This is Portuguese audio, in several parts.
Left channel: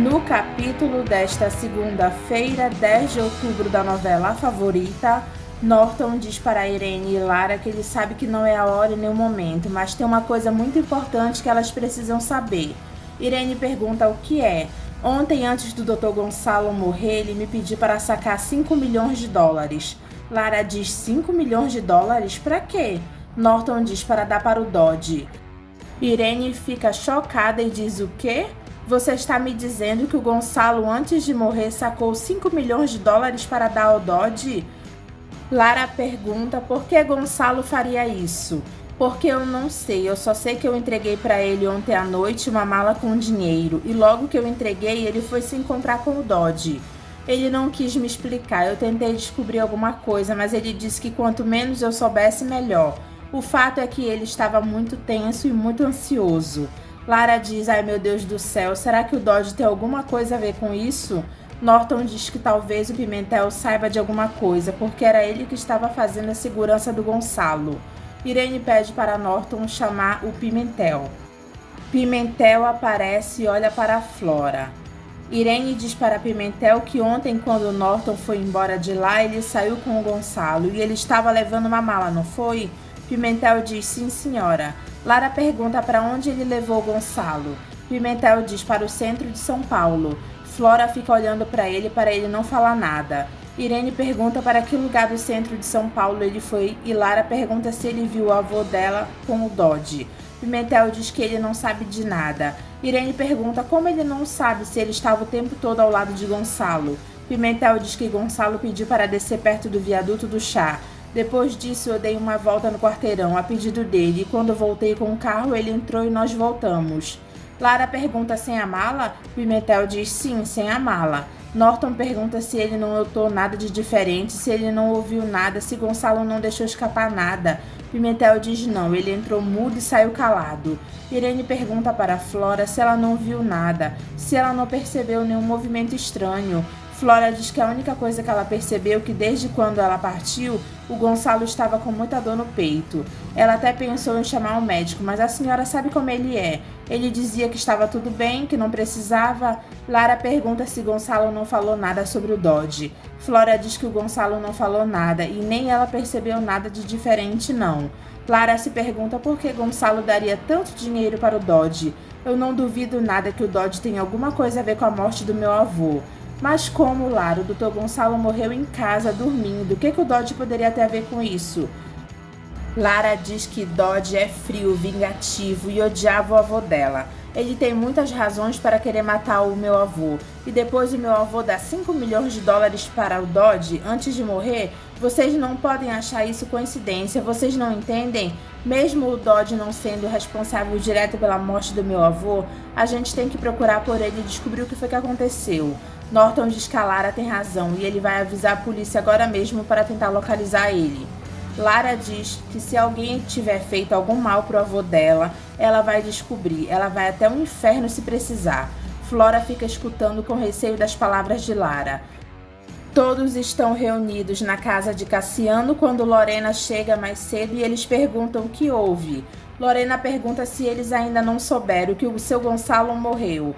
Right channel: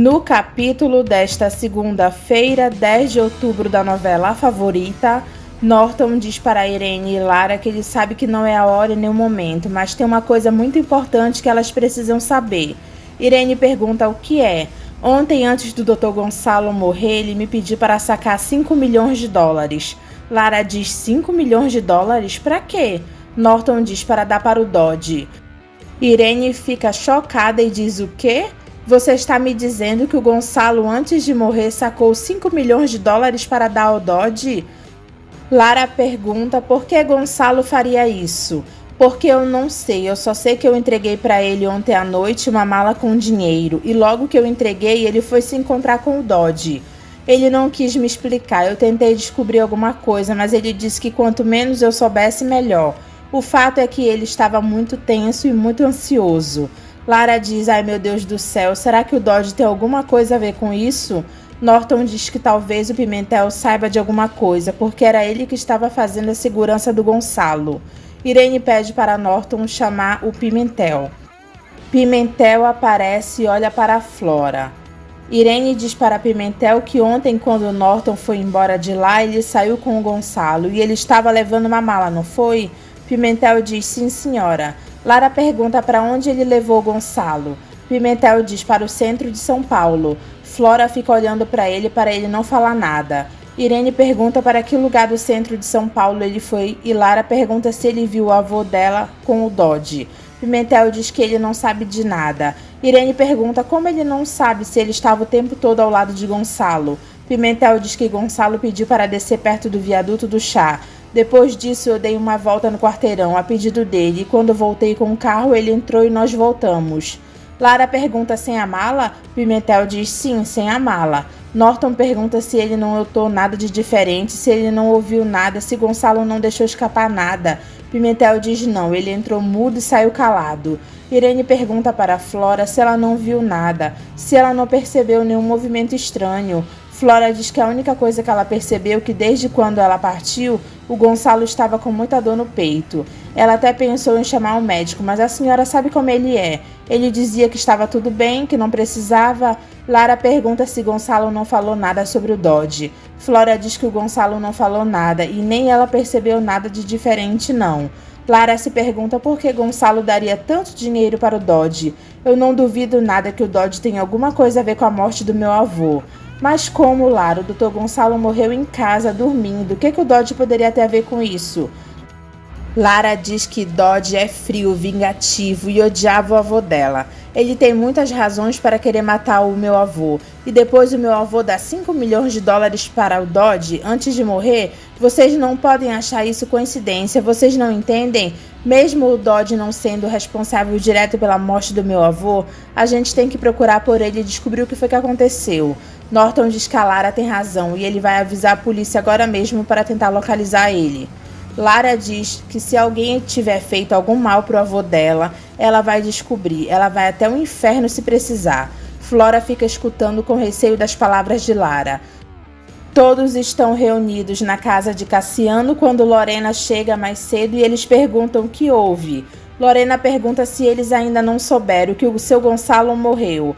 No capítulo desta segunda-feira, 10 de outubro da novela A Favorita, Norton diz para Irene e Lara que ele sabe que não é a hora e nem o momento, mas tem uma coisa muito importante que elas precisam saber. Irene pergunta o que é. Ontem, antes do Dr. Gonçalo morrer, ele me pediu para sacar 5 milhões de dólares. Lara diz 5 milhões de dólares? Para quê? Norton diz para dar para o Dodge. Irene fica chocada e diz o quê? Você está me dizendo que o Gonçalo, antes de morrer, sacou 5 milhões de dólares para dar ao Dodge? Lara pergunta por que Gonçalo faria isso. Porque eu não sei, eu só sei que eu entreguei para ele ontem à noite uma mala com dinheiro e logo que eu entreguei ele foi se encontrar com o Dodge. Ele não quis me explicar, eu tentei descobrir alguma coisa, mas ele disse que quanto menos eu soubesse, melhor. O fato é que ele estava muito tenso e muito ansioso. Lara diz, ai meu Deus do céu, será que o Dodge tem alguma coisa a ver com isso? Norton diz que talvez o Pimentel saiba de alguma coisa, porque era ele que estava fazendo a segurança do Gonçalo. Irene pede para Norton chamar o Pimentel. Pimentel aparece e olha para a Flora. Irene diz para Pimentel que ontem, quando Norton foi embora de lá, ele saiu com o Gonçalo e ele estava levando uma mala, não foi? Pimentel diz, sim senhora. Lara pergunta para onde ele levou o Gonçalo. Pimentel diz para o centro de São Paulo. Flora fica olhando para ele não falar nada. Irene pergunta para que lugar do centro de São Paulo ele foi e Lara pergunta se ele viu o avô dela com o Dodge. Pimentel diz que ele não sabe de nada. Irene pergunta como ele não sabe se ele estava o tempo todo ao lado de Gonçalo. Pimentel diz que Gonçalo pediu para descer perto do viaduto do chá. Depois disso, eu dei uma volta no quarteirão a pedido dele e quando voltei com o carro, ele entrou e nós voltamos. Lara pergunta sem a mala? Pimentel diz sim, sem a mala. Norton pergunta se ele não notou nada de diferente, se ele não ouviu nada, se Gonçalo não deixou escapar nada. Pimentel diz não, ele entrou mudo e saiu calado. Irene pergunta para Flora se ela não viu nada, se ela não percebeu nenhum movimento estranho. Flora diz que a única coisa que ela percebeu é que desde quando ela partiu, o Gonçalo estava com muita dor no peito. Ela até pensou em chamar o médico, mas a senhora sabe como ele é. Ele dizia que estava tudo bem, que não precisava. Lara pergunta se Gonçalo não falou nada sobre o Dodge. Flora diz que o Gonçalo não falou nada e nem ela percebeu nada de diferente não. Lara se pergunta por que Gonçalo daria tanto dinheiro para o Dodge. Eu não duvido nada que o Dodge tenha alguma coisa a ver com a morte do meu avô. Mas como, Lara, o Dr. Gonçalo morreu em casa, dormindo, o que o Dodge poderia ter a ver com isso? Lara diz que Dodge é frio, vingativo e odiava o avô dela. Ele tem muitas razões para querer matar o meu avô. E depois o meu avô dá 5 milhões de dólares para o Dodge antes de morrer? Vocês não podem achar isso coincidência, vocês não entendem? Mesmo o Dodge não sendo responsável direto pela morte do meu avô, a gente tem que procurar por ele e descobrir o que foi que aconteceu. Norton diz que a Lara tem razão e ele vai avisar a polícia agora mesmo para tentar localizar ele. Lara diz que se alguém tiver feito algum mal pro avô dela, ela vai descobrir, ela vai até o inferno se precisar. Flora fica escutando com receio das palavras de Lara. Todos estão reunidos na casa de Cassiano quando Lorena chega mais cedo e eles perguntam o que houve. Lorena pergunta se eles ainda não souberam que o seu Gonçalo morreu.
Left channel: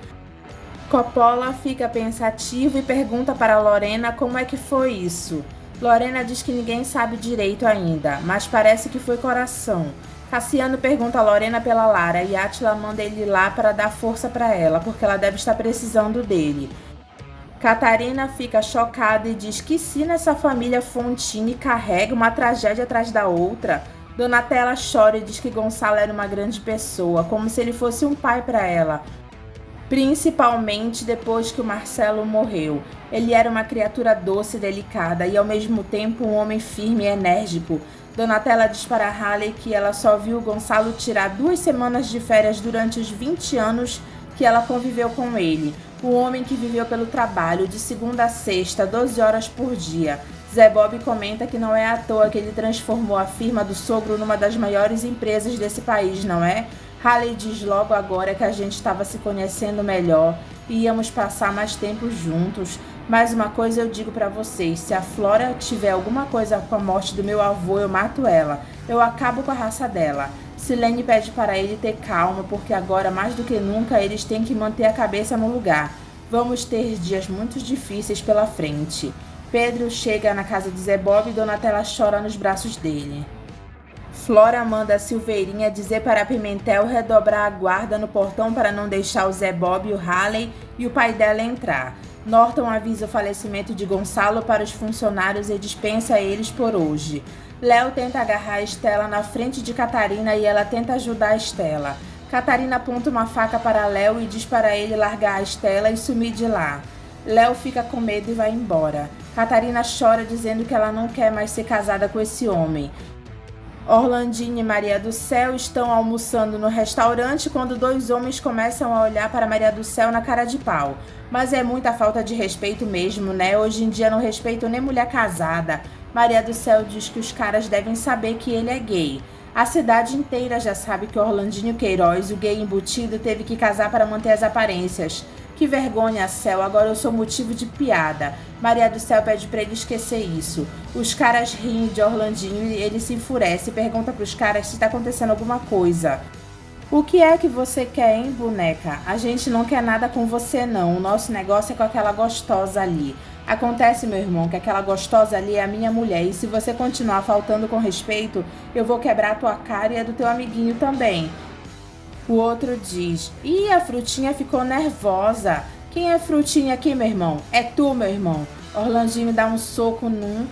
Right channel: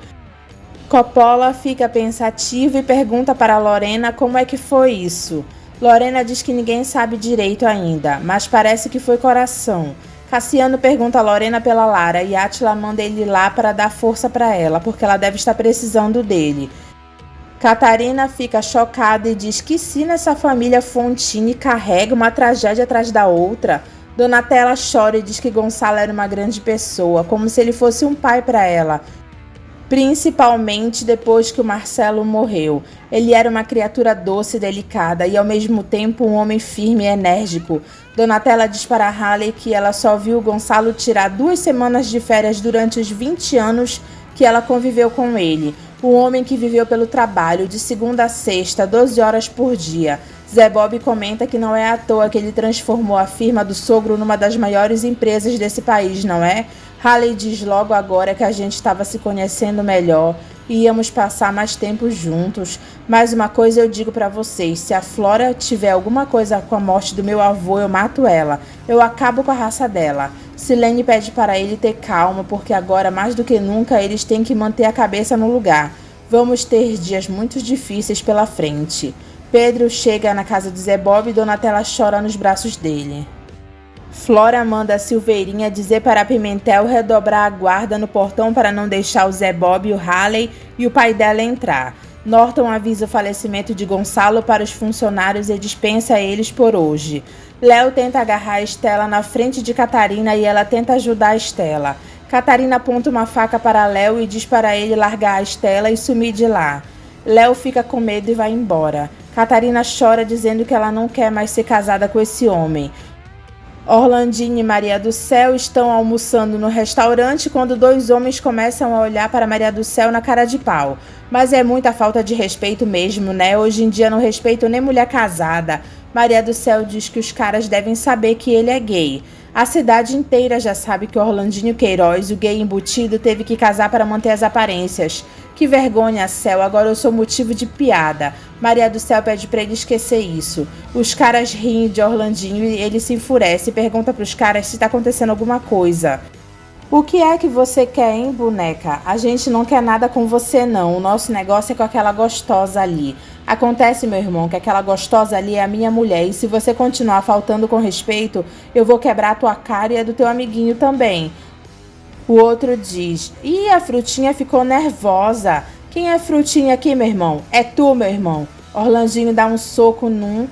Coppola fica pensativo e pergunta para Lorena como é que foi isso. Lorena diz que ninguém sabe direito ainda, mas parece que foi coração. Cassiano pergunta a Lorena pela Lara e Átila manda ele lá para dar força para ela, porque ela deve estar precisando dele. Catarina fica chocada e diz que se nessa família Fontini carrega uma tragédia atrás da outra. Donatella chora e diz que Gonçalo era uma grande pessoa, como se ele fosse um pai para ela. Principalmente depois que o Marcelo morreu. Ele era uma criatura doce e delicada e ao mesmo tempo um homem firme e enérgico. Donatella diz para Halley que ela só viu Gonçalo tirar 2 semanas de férias durante os 20 anos que ela conviveu com ele. Um homem que viveu pelo trabalho, de segunda a sexta, 12 horas por dia. Zé Bob comenta que não é à toa que ele transformou a firma do sogro numa das maiores empresas desse país, não é? Halley diz logo agora que a gente estava se conhecendo melhor e íamos passar mais tempo juntos. Mais uma coisa eu digo para vocês, se a Flora tiver alguma coisa com a morte do meu avô, eu mato ela. Eu acabo com a raça dela. Silene pede para ele ter calma, porque agora, mais do que nunca, eles têm que manter a cabeça no lugar. Vamos ter dias muito difíceis pela frente. Pedro chega na casa de Zé Bob e Donatella chora nos braços dele. Flora manda a Silveirinha dizer para Pimentel redobrar a guarda no portão para não deixar o Zé Bob, o Halley e o pai dela entrar. Norton avisa o falecimento de Gonçalo para os funcionários e dispensa eles por hoje. Léo tenta agarrar a Estela na frente de Catarina e ela tenta ajudar a Estela. Catarina aponta uma faca para Léo e diz para ele largar a Estela e sumir de lá. Léo fica com medo e vai embora. Catarina chora dizendo que ela não quer mais ser casada com esse homem. Orlandinho e Maria do Céu estão almoçando no restaurante quando dois homens começam a olhar para Maria do Céu na cara de pau. Mas é muita falta de respeito mesmo, né? Hoje em dia não respeitam nem mulher casada. Maria do Céu diz que os caras devem saber que ele é gay. A cidade inteira já sabe que Orlandinho Queiroz, o gay embutido, teve que casar para manter as aparências. Que vergonha, Céu, agora eu sou motivo de piada. Maria do Céu pede para ele esquecer isso. Os caras riem de Orlandinho e ele se enfurece e pergunta para os caras se está acontecendo alguma coisa. O que é que você quer, hein, boneca? A gente não quer nada com você, não. O nosso negócio é com aquela gostosa ali. Acontece, meu irmão, que aquela gostosa ali é a minha mulher e se você continuar faltando com respeito, eu vou quebrar a tua cara e a do teu amiguinho também. O outro diz, ih, a Frutinha ficou nervosa. Quem é Frutinha aqui, meu irmão? É tu, meu irmão. Orlandinho dá um soco num.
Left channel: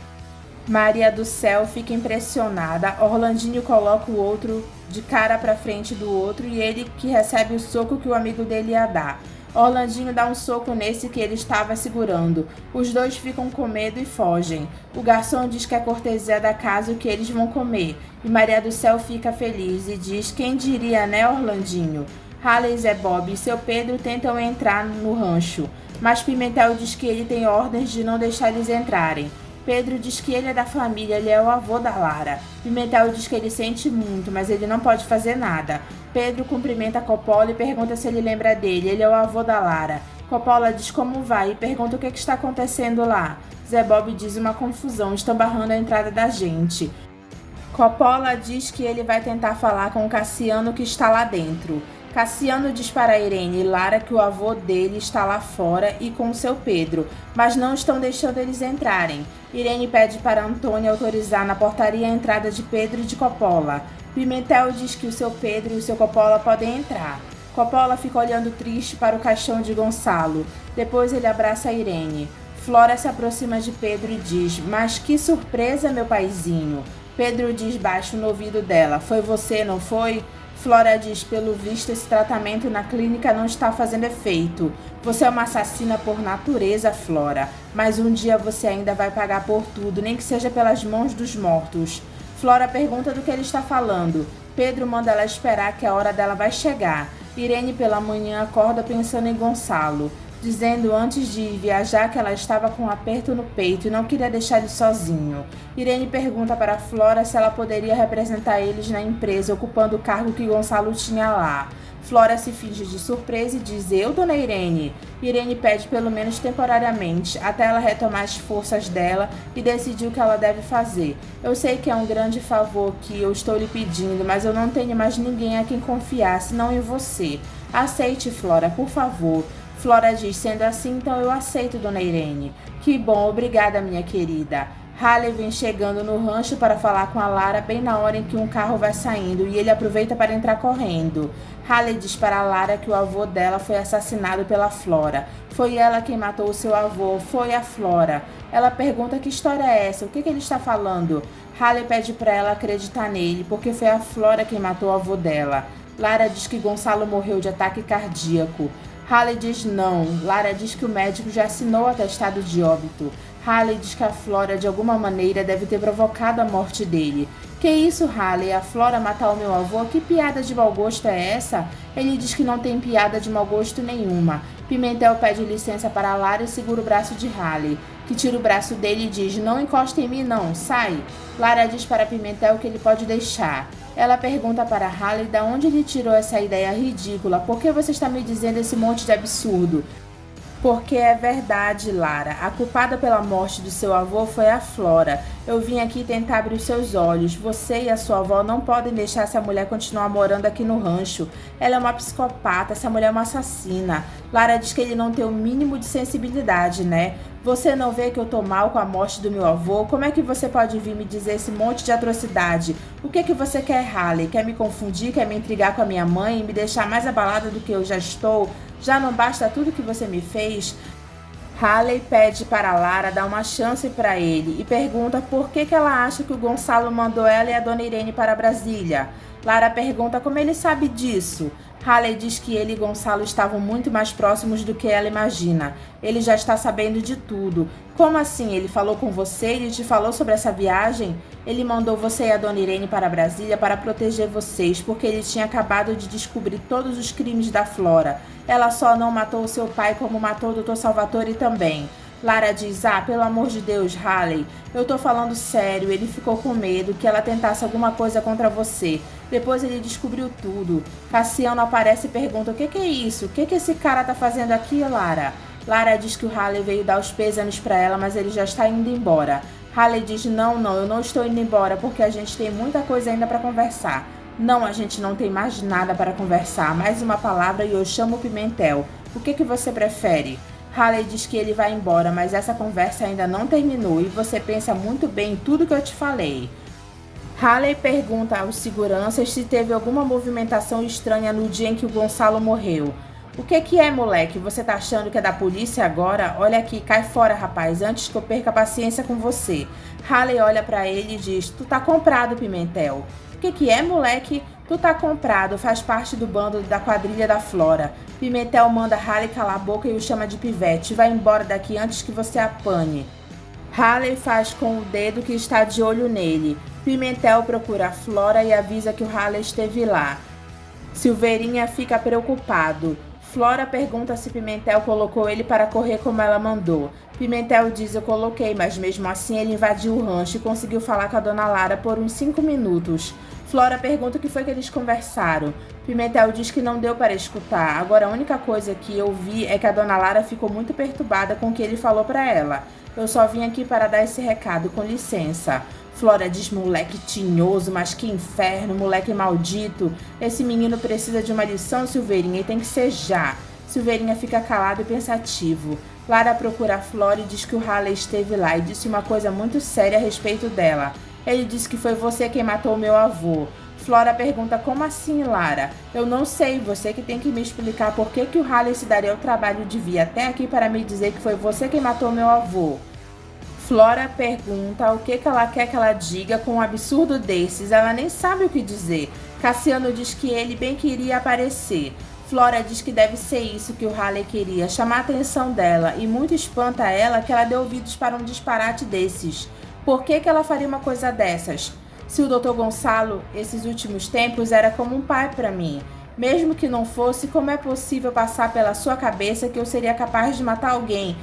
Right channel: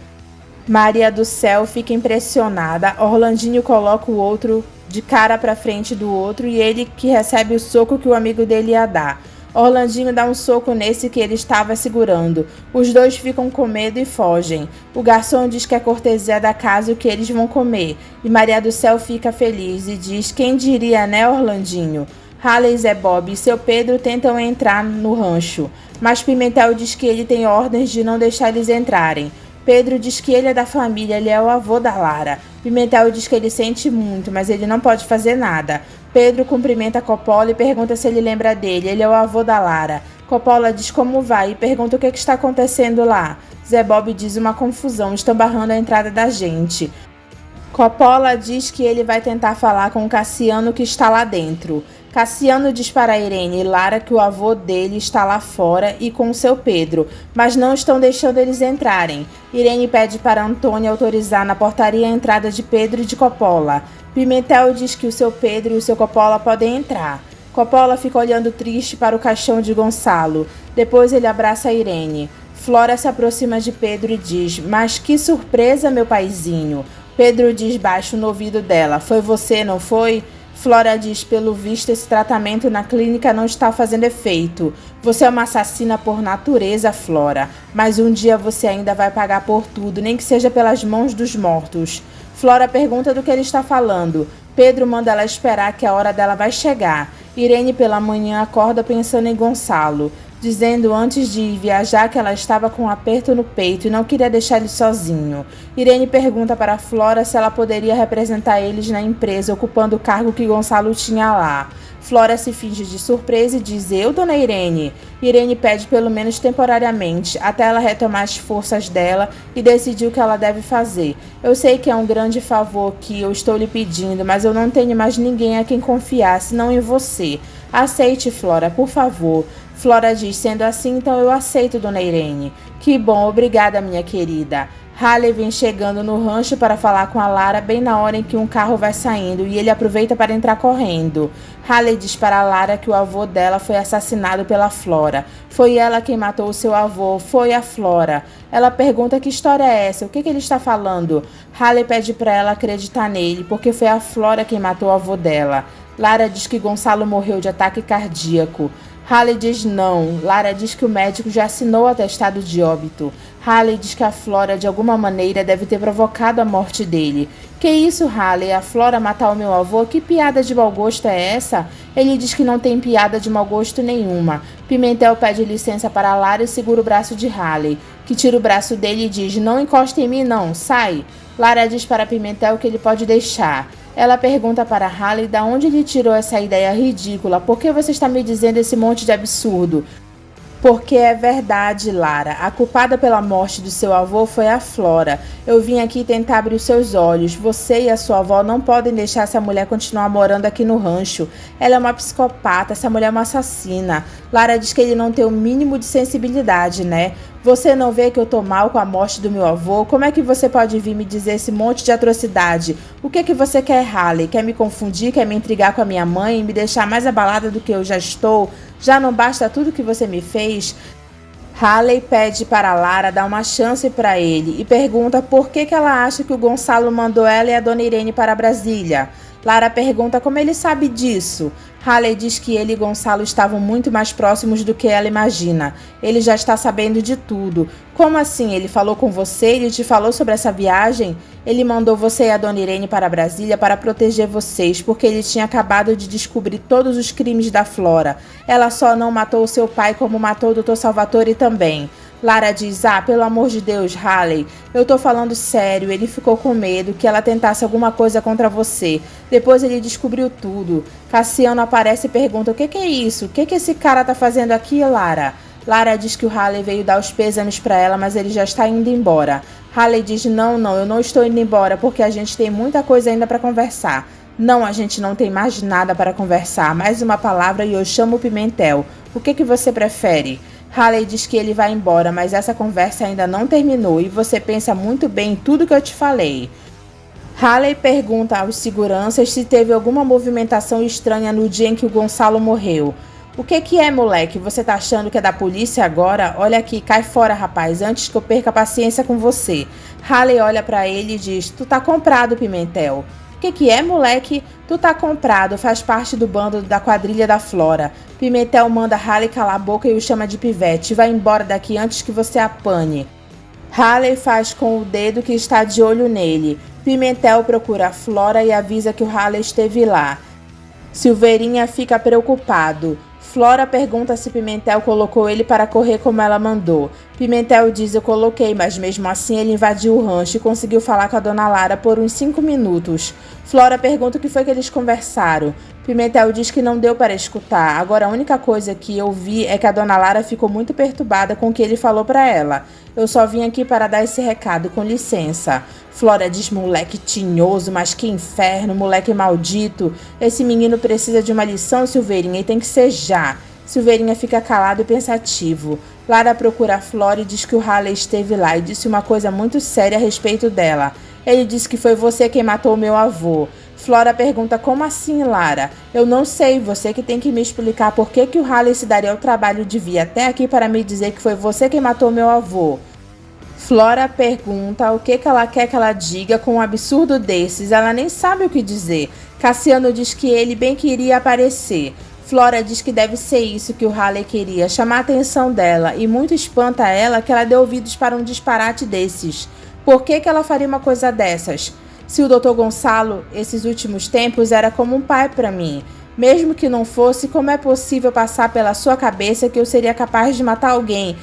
Maria do Céu fica impressionada. Orlandinho coloca o outro de cara pra frente do outro e ele que recebe o soco que o amigo dele ia dar. Orlandinho dá um soco nesse que ele estava segurando. Os dois ficam com medo e fogem. O garçom diz que é cortesia da casa o que eles vão comer. E Maria do Céu fica feliz e diz, quem diria, né, Orlandinho? Halley, Zé Bob e seu Pedro tentam entrar no rancho. Mas Pimentel diz que ele tem ordens de não deixar eles entrarem. Pedro diz que ele é da família, ele é o avô da Lara. Pimentel diz que ele sente muito, mas ele não pode fazer nada. Pedro cumprimenta Coppola e pergunta se ele lembra dele, ele é o avô da Lara. Coppola diz como vai e pergunta o que está acontecendo lá. Zé Bob diz uma confusão, estão barrando a entrada da gente. Coppola diz que ele vai tentar falar com o Cassiano que está lá dentro. Cassiano diz para Irene e Lara que o avô dele está lá fora e com seu Pedro, mas não estão deixando eles entrarem. Irene pede para Antônia autorizar na portaria a entrada de Pedro e de Coppola. Pimentel diz que o seu Pedro e o seu Coppola podem entrar. Coppola fica olhando triste para o caixão de Gonçalo. Depois ele abraça a Irene. Flora se aproxima de Pedro e diz, mas que surpresa, meu paizinho. Pedro diz baixo no ouvido dela, foi você, não foi? Flora diz, pelo visto esse tratamento na clínica não está fazendo efeito. Você é uma assassina por natureza, Flora. Mas um dia você ainda vai pagar por tudo, nem que seja pelas mãos dos mortos. Flora pergunta do que ele está falando. Pedro manda ela esperar que a hora dela vai chegar. Irene pela manhã acorda pensando em Gonçalo, dizendo antes de ir viajar que ela estava com um aperto no peito e não queria deixar ele sozinho. Irene pergunta para Flora se ela poderia representar eles na empresa, ocupando o cargo que Gonçalo tinha lá. Flora se finge de surpresa e diz, eu, dona Irene? Irene pede pelo menos temporariamente, até ela retomar as forças dela e decidir o que ela deve fazer. Eu sei que é um grande favor que eu estou lhe pedindo, mas eu não tenho mais ninguém a quem confiar, senão em você. Aceite, Flora, por favor. Flora diz, sendo assim, então eu aceito, dona Irene. Que bom, obrigada, minha querida. Halley vem chegando no rancho para falar com a Lara bem na hora em que um carro vai saindo e ele aproveita para entrar correndo. Halley diz para a Lara que o avô dela foi assassinado pela Flora. Foi ela quem matou o seu avô, foi a Flora. Ela pergunta que história é essa, o que ele está falando? Halley pede para ela acreditar nele, porque foi a Flora quem matou o avô dela. Lara diz que Gonçalo morreu de ataque cardíaco. Halley diz não. Lara diz que o médico já assinou o atestado de óbito. Halley diz que a Flora, de alguma maneira, deve ter provocado a morte dele. Que isso, Halley? A Flora matar o meu avô? Que piada de mau gosto é essa? Ele diz que não tem piada de mau gosto nenhuma. Pimentel pede licença para Lara e segura o braço de Halley, que tira o braço dele e diz, não encosta em mim não, sai. Lara diz para Pimentel que ele pode deixar. Ela pergunta para Halley de onde ele tirou essa ideia ridícula. Por que você está me dizendo esse monte de absurdo? Porque é verdade, Lara. A culpada pela morte do seu avô foi a Flora. Eu vim aqui tentar abrir os seus olhos. Você e a sua avó não podem deixar essa mulher continuar morando aqui no rancho. Ela é uma psicopata, essa mulher é uma assassina. Lara diz que ele não tem o mínimo de sensibilidade, né? Você não vê que eu tô mal com a morte do meu avô? Como é que você pode vir me dizer esse monte de atrocidade? O que é que você quer, Haley? Quer me confundir? Quer me intrigar com a minha mãe? Me deixar mais abalada do que eu já estou? Já não basta tudo que você me fez? Haley pede para Lara dar uma chance para ele e pergunta por que ela acha que o Gonçalo mandou ela e a dona Irene para Brasília. Lara pergunta como ele sabe disso. Haley diz que ele e Gonçalo estavam muito mais próximos do que ela imagina. Ele já está sabendo de tudo. Como assim? Ele falou com você? Ele te falou sobre essa viagem? Ele mandou você e a dona Irene para Brasília para proteger vocês, porque ele tinha acabado de descobrir todos os crimes da Flora. Ela só não matou o seu pai como matou o Dr. Salvatore também. Lara diz, pelo amor de Deus, Haley, eu tô falando sério, ele ficou com medo que ela tentasse alguma coisa contra você. Depois ele descobriu tudo. Cassiano aparece e pergunta, o que é isso? O que esse cara tá fazendo aqui, Lara? Lara diz que o Haley veio dar os pêsames pra ela, mas ele já está indo embora. Haley diz, não, eu não estou indo embora, porque a gente tem muita coisa ainda pra conversar. Não, a gente não tem mais nada para conversar. Mais uma palavra e eu chamo o Pimentel. O que você prefere? Haley diz que ele vai embora, mas essa conversa ainda não terminou e você pensa muito bem em tudo que eu te falei. Haley pergunta aos seguranças se teve alguma movimentação estranha no dia em que o Gonçalo morreu. O que é, moleque? Você tá achando que é da polícia agora? Olha aqui, cai fora, rapaz, antes que eu perca a paciência com você. Haley olha pra ele e diz, tu tá comprado, Pimentel. O que é, moleque? Tu tá comprado, faz parte do bando da quadrilha da Flora. Pimentel manda Haley calar a boca e o chama de pivete. Vai embora daqui antes que você apanhe. Haley faz com o dedo que está de olho nele. Pimentel procura a Flora e avisa que o Haley esteve lá. Silveirinha fica preocupado. Flora pergunta se Pimentel colocou ele para correr como ela mandou. Pimentel diz, eu coloquei, mas mesmo assim ele invadiu o rancho e conseguiu falar com a dona Lara por uns 5 minutos. Flora pergunta o que foi que eles conversaram. Pimentel diz que não deu para escutar. Agora a única coisa que eu vi é que a dona Lara ficou muito perturbada com o que ele falou para ela. Eu só vim aqui para dar esse recado, com licença. Flora diz, moleque tinhoso, mas que inferno, moleque maldito. Esse menino precisa de uma lição, Silveirinha, e tem que ser já. Silveirinha fica calado e pensativo. Lara procura a Flora e diz que o Haley esteve lá e disse uma coisa muito séria a respeito dela. Ele disse que foi você quem matou meu avô. Flora pergunta, como assim, Lara? Eu não sei, você que tem que me explicar por que o Haley se daria o trabalho de vir até aqui para me dizer que foi você quem matou meu avô. Flora pergunta o que ela quer que ela diga com um absurdo desses. Ela nem sabe o que dizer. Cassiano diz que ele bem queria aparecer. Flora diz que deve ser isso que o Haley queria, chamar a atenção dela, e muito espanta ela que ela dê ouvidos para um disparate desses. Por que ela faria uma coisa dessas? Se o Dr. Gonçalo, esses últimos tempos, era como um pai para mim. Mesmo que não fosse, como é possível passar pela sua cabeça que eu seria capaz de matar alguém?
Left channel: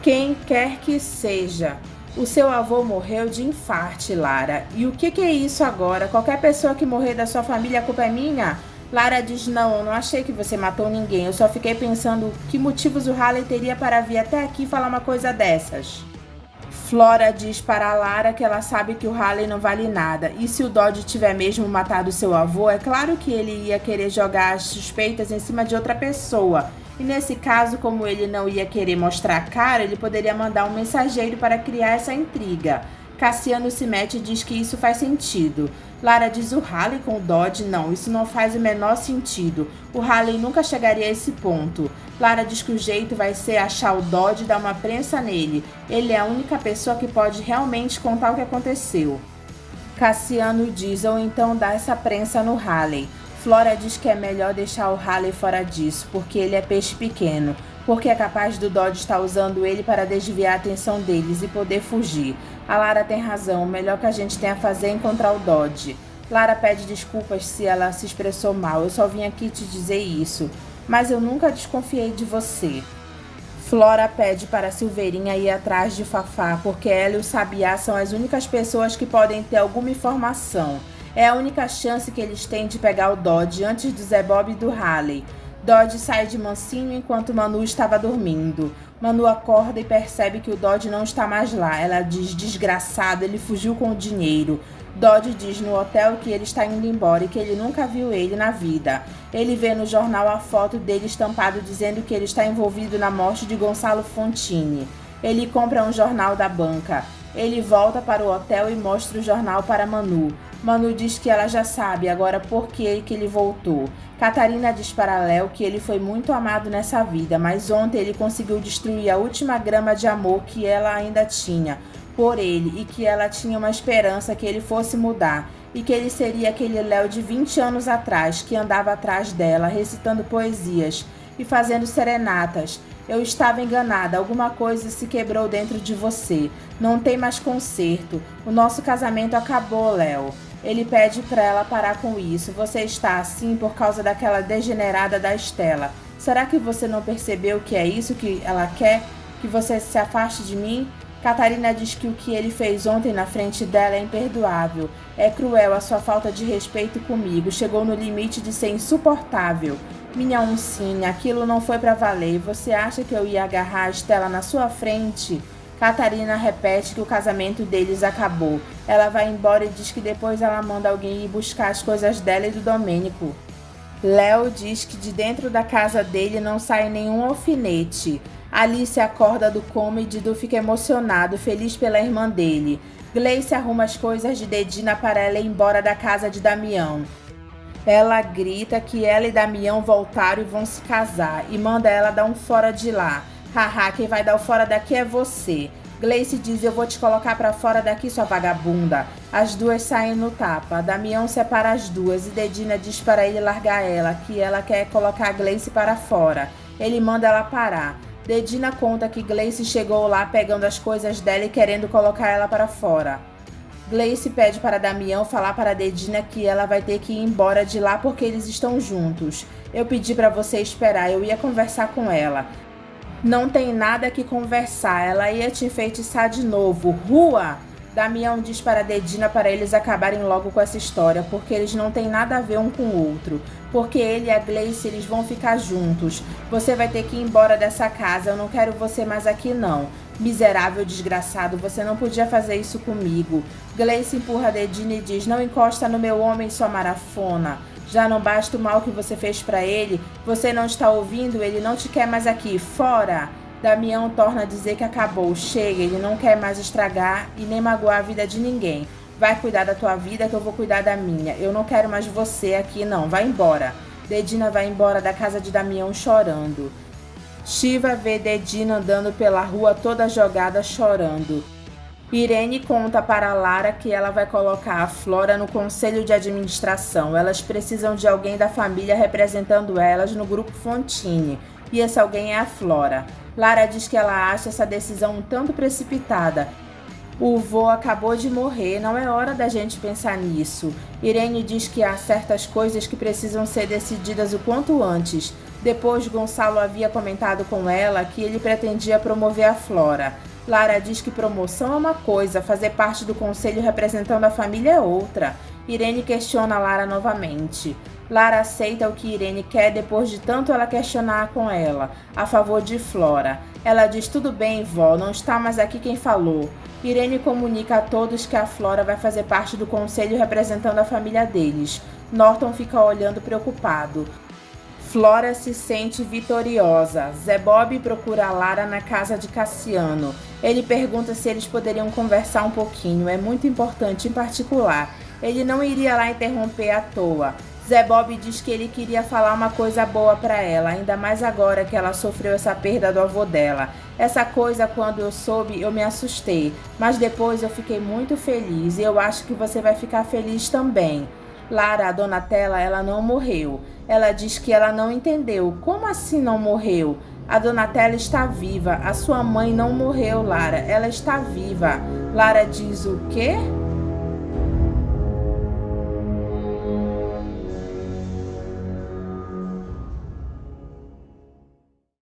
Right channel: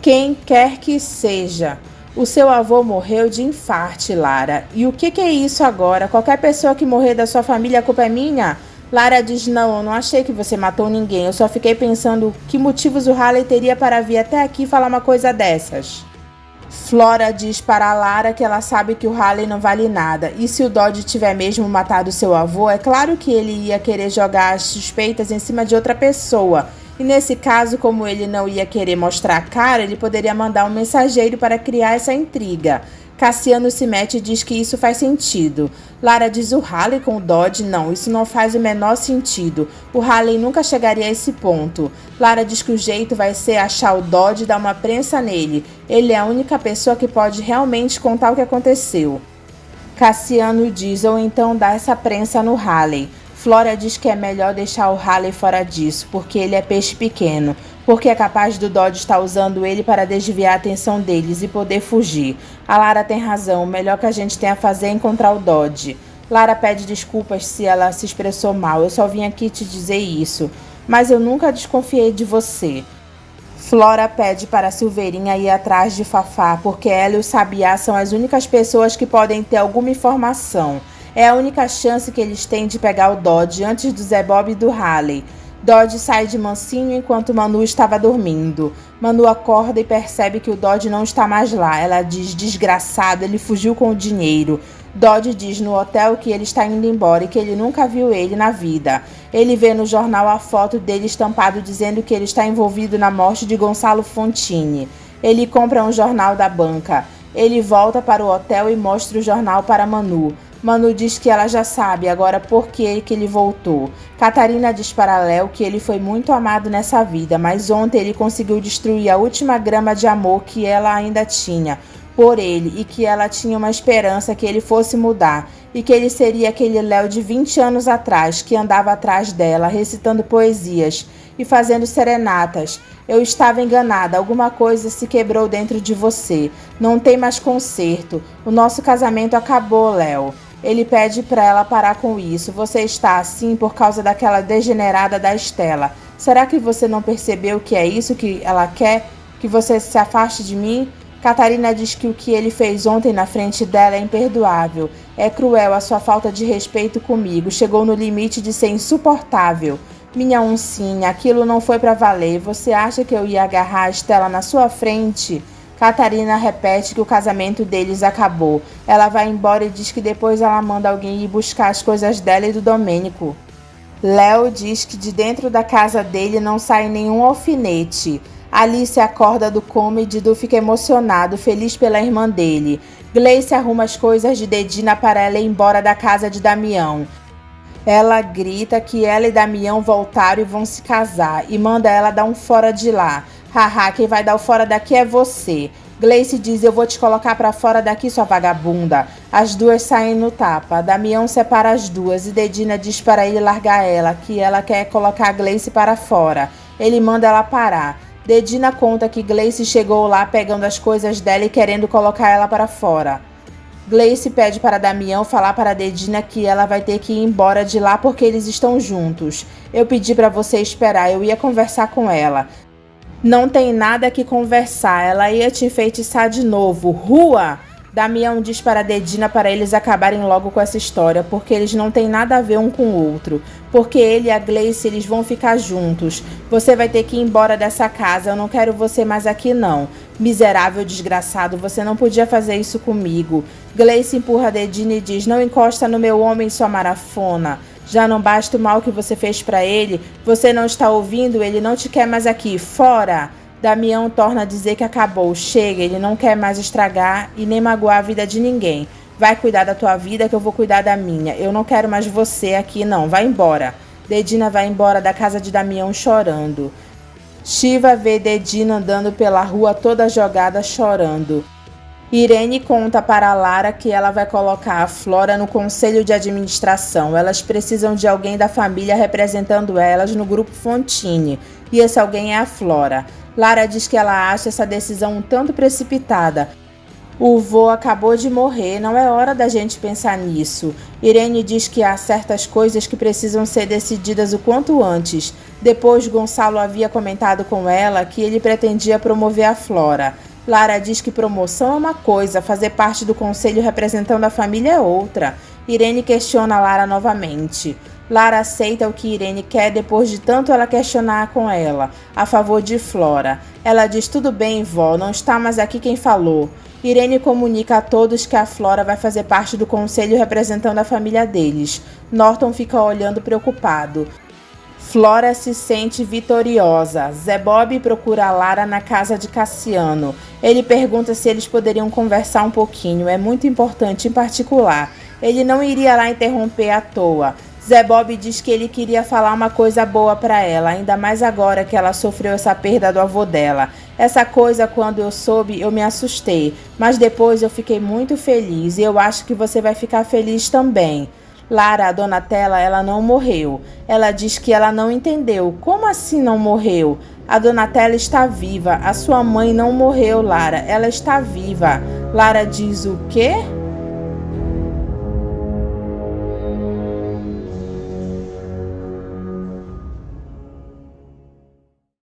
Quem quer que seja. O seu avô morreu de infarte, Lara. E o que é isso agora? Qualquer pessoa que morrer da sua família, a culpa é minha? Lara diz, não, eu não achei que você matou ninguém. Eu só fiquei pensando que motivos o Haley teria para vir até aqui falar uma coisa dessas. Flora diz para a Lara que ela sabe que o Haley não vale nada. E se o Dodge tiver mesmo matado seu avô, é claro que ele ia querer jogar as suspeitas em cima de outra pessoa. E nesse caso, como ele não ia querer mostrar a cara, ele poderia mandar um mensageiro para criar essa intriga. Cassiano se mete e diz que isso faz sentido. Lara diz, o Haley com o Dodge? Não, isso não faz o menor sentido. O Haley nunca chegaria a esse ponto. Lara diz que o jeito vai ser achar o Dodge e dar uma prensa nele. Ele é a única pessoa que pode realmente contar o que aconteceu. Cassiano diz, ou então dá essa prensa no Haley. Flora diz que é melhor deixar o Haley fora disso, porque ele é peixe pequeno. Porque é capaz do Dodge estar usando ele para desviar a atenção deles e poder fugir. A Lara tem razão, o melhor que a gente tem a fazer é encontrar o Dodge. Lara pede desculpas se ela se expressou mal, eu só vim aqui te dizer isso. Mas eu nunca desconfiei de você. Flora pede para Silveirinha ir atrás de Fafá, porque ela e o Sabiá são as únicas pessoas que podem ter alguma informação. É a única chance que eles têm de pegar o Dodge antes do Zé Bob e do Haley. Dodge sai de mansinho enquanto Manu estava dormindo. Manu acorda e percebe que o Dodge não está mais lá. Ela diz: desgraçado, ele fugiu com o dinheiro. Dodge diz no hotel que ele está indo embora e que ele nunca viu ele na vida. Ele vê no jornal a foto dele estampado dizendo que ele está envolvido na morte de Gonçalo Fontini. Ele compra um jornal da banca. Ele volta para o hotel e mostra o jornal para Manu. Manu diz que ela já sabe agora por que ele voltou. Catarina diz para Léo que ele foi muito amado nessa vida, mas ontem ele conseguiu destruir a última grama de amor que ela ainda tinha por ele e que ela tinha uma esperança que ele fosse mudar e que ele seria aquele Léo de 20 anos atrás que andava atrás dela, recitando poesias e fazendo serenatas. Eu estava enganada, alguma coisa se quebrou dentro de você. Não tem mais conserto. O nosso casamento acabou, Léo. Ele pede para ela parar com isso. Você está assim por causa daquela degenerada da Estela. Será que você não percebeu que é isso que ela quer? Que você se afaste de mim? Catarina diz que o que ele fez ontem na frente dela é imperdoável. É cruel a sua falta de respeito comigo. Chegou no limite de ser insuportável. Minha oncinha, aquilo não foi para valer. Você acha que eu ia agarrar a Estela na sua frente? Catarina repete que o casamento deles acabou. Ela vai embora e diz que depois ela manda alguém ir buscar as coisas dela e do Domênico. Léo diz que de dentro da casa dele não sai nenhum alfinete. Alice acorda do coma e Didu fica emocionado, feliz pela irmã dele. Gleice arruma as coisas de Dedina para ela ir embora da casa de Damião. Ela grita que ela e Damião voltaram e vão se casar e manda ela dar um fora de lá. Haha, quem vai dar o fora daqui é você. Gleice diz: eu vou te colocar pra fora daqui, sua vagabunda. As duas saem no tapa. Damião separa as duas e Dedina diz para ele largar ela, que ela quer colocar Gleice para fora. Ele manda ela parar. Dedina conta que Gleice chegou lá pegando as coisas dela e querendo colocar ela para fora. Gleice pede para Damião falar para Dedina que ela vai ter que ir embora de lá porque eles estão juntos. Eu pedi para você esperar, eu ia conversar com ela. Não tem nada que conversar, ela ia te enfeitiçar de novo. Rua! Damião diz para Dedina para eles acabarem logo com essa história, porque eles não têm nada a ver um com o outro. Porque ele e a Gleice, eles vão ficar juntos. Você vai ter que ir embora dessa casa, eu não quero você mais aqui não. Miserável desgraçado, você não podia fazer isso comigo. Gleice empurra Dedina e diz: não encosta no meu homem, sua marafona. Já não basta o mal que você fez para ele? Você não está ouvindo? Ele não te quer mais aqui. Fora! Damião torna a dizer que acabou. Chega, ele não quer mais estragar e nem magoar a vida de ninguém. Vai cuidar da tua vida que eu vou cuidar da minha. Eu não quero mais você aqui não. Vai embora. Dedina vai embora da casa de Damião chorando. Shiva vê Dedina andando pela rua toda jogada chorando. Irene conta para Lara que ela vai colocar a Flora no conselho de administração. Elas precisam de alguém da família representando elas no grupo Fontini. E esse alguém é a Flora. Lara diz que ela acha essa decisão um tanto precipitada. O vô acabou de morrer, não é hora da gente pensar nisso. Irene diz que há certas coisas que precisam ser decididas o quanto antes. Depois, Gonçalo havia comentado com ela que ele pretendia promover a Flora. Lara diz que promoção é uma coisa, fazer parte do conselho representando a família é outra. Irene questiona Lara novamente. Lara aceita o que Irene quer depois de tanto ela questionar com ela, a favor de Flora. Ela diz: tudo bem, vó, não está mais aqui quem falou. Irene comunica a todos que a Flora vai fazer parte do conselho representando a família deles. Norton fica olhando preocupado. Flora se sente vitoriosa. Zé Bob procura a Lara na casa de Cassiano. Ele pergunta se eles poderiam conversar um pouquinho, é muito importante em particular. Ele não iria lá interromper à toa. Zé Bob diz que ele queria falar uma coisa boa para ela, ainda mais agora que ela sofreu essa perda do avô dela. Essa coisa, quando eu soube, eu me assustei, mas depois eu fiquei muito feliz e eu acho que você vai ficar feliz também. Lara, a Donatella, ela não morreu. Ela diz que ela não entendeu. Como assim não morreu? A Donatella está viva. A sua mãe não morreu, Lara. Ela está viva. Lara diz: o quê?